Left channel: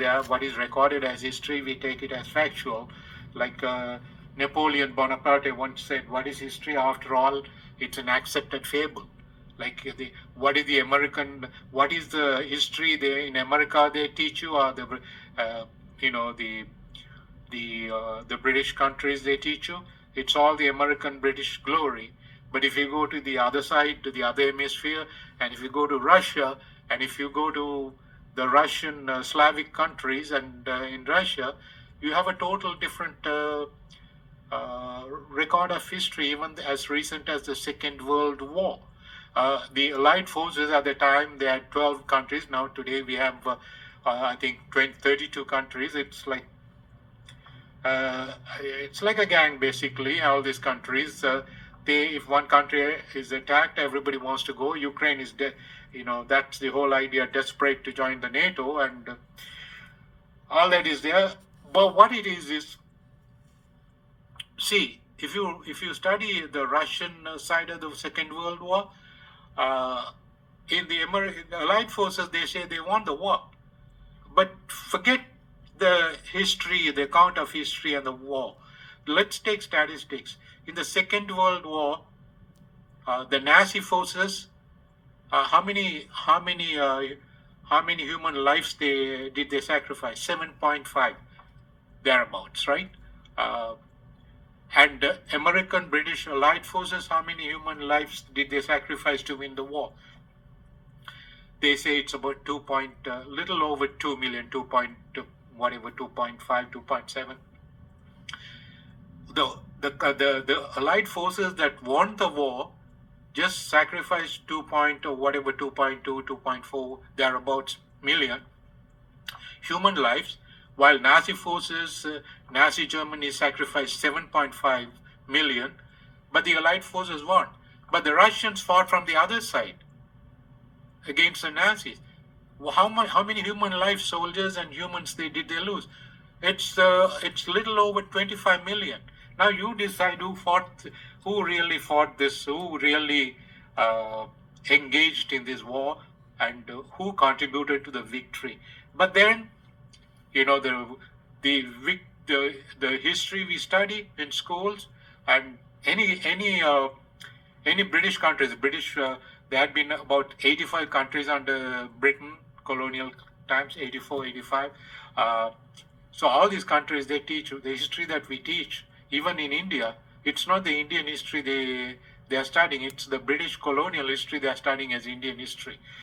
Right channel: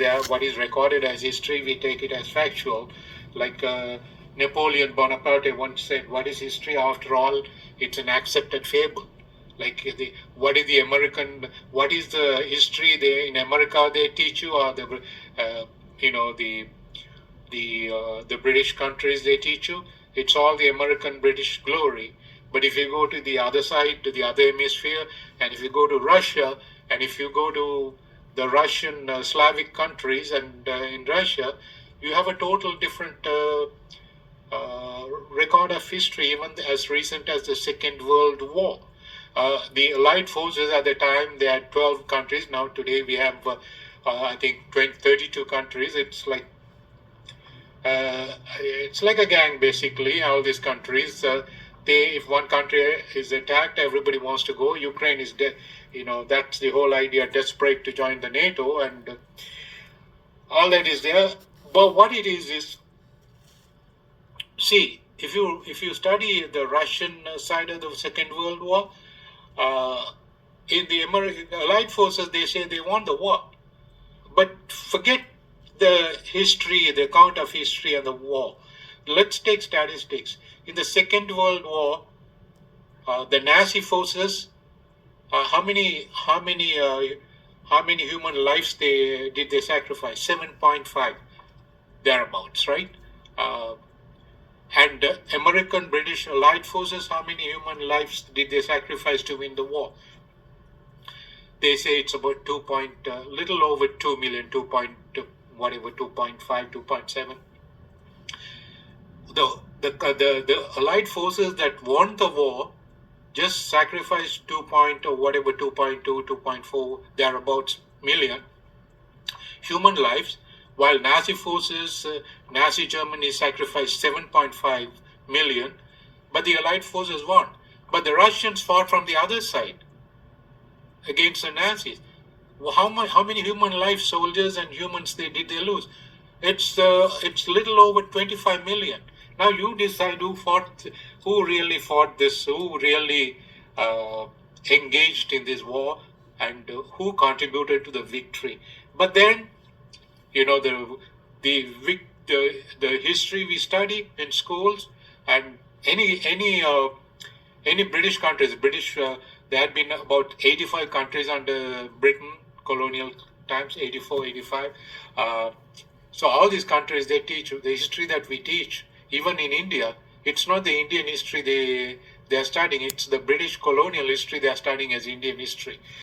there. What is recorded as history, we take it as factual. Like Napoleon Bonaparte once said, "What is history? After all, it's an accepted fable." Like what is the history they in America they teach you, or the you know the British countries they teach you. It's all the American British glory. But if you go to the other side, to the other hemisphere, and if you go to Russia, and if you go to the Russian Slavic countries, and in Russia, you have a total different record of history, even as recent as the Second World War. The Allied forces at the time, they had 12 countries. Now today we have, I think, 32 countries. It's like a gang, basically. All these countries, if one country is attacked, everybody wants to go. Ukraine is dead. That's the whole idea. Desperate to join the NATO, and all that is there. But what it is, see, if you study the Russian side of the Second World War, in the American Allied forces, they say they won the war, but forget the history, the account of history and the war. Let's take statistics. In the Second World War, the Nazi forces, how many human lives did they sacrifice? 7.5, thereabouts, right? And American, British, Allied forces, how many human lives did they sacrifice to win the war? They say it's about little over 2 million, 2.5, 2.7. The Allied forces that won the war just sacrificed 2.2, 2.4, thereabouts million human lives, while Nazi forces, Nazi Germany sacrificed 7.5 million, but the Allied forces won. But the Russians fought from the other side against the Nazis. How many human lives, soldiers and humans, did they lose? It's little over 25 million. Now you decide who really fought this, who really engaged in this war, and who contributed to the victory. But then, the history we study in schools, and any British countries, there had been about 85 countries under Britain, colonial times, 84, 85. So all these countries, they teach the history that we teach. Even in India, it's not the Indian history they are studying, it's the British colonial history they are studying as Indian history.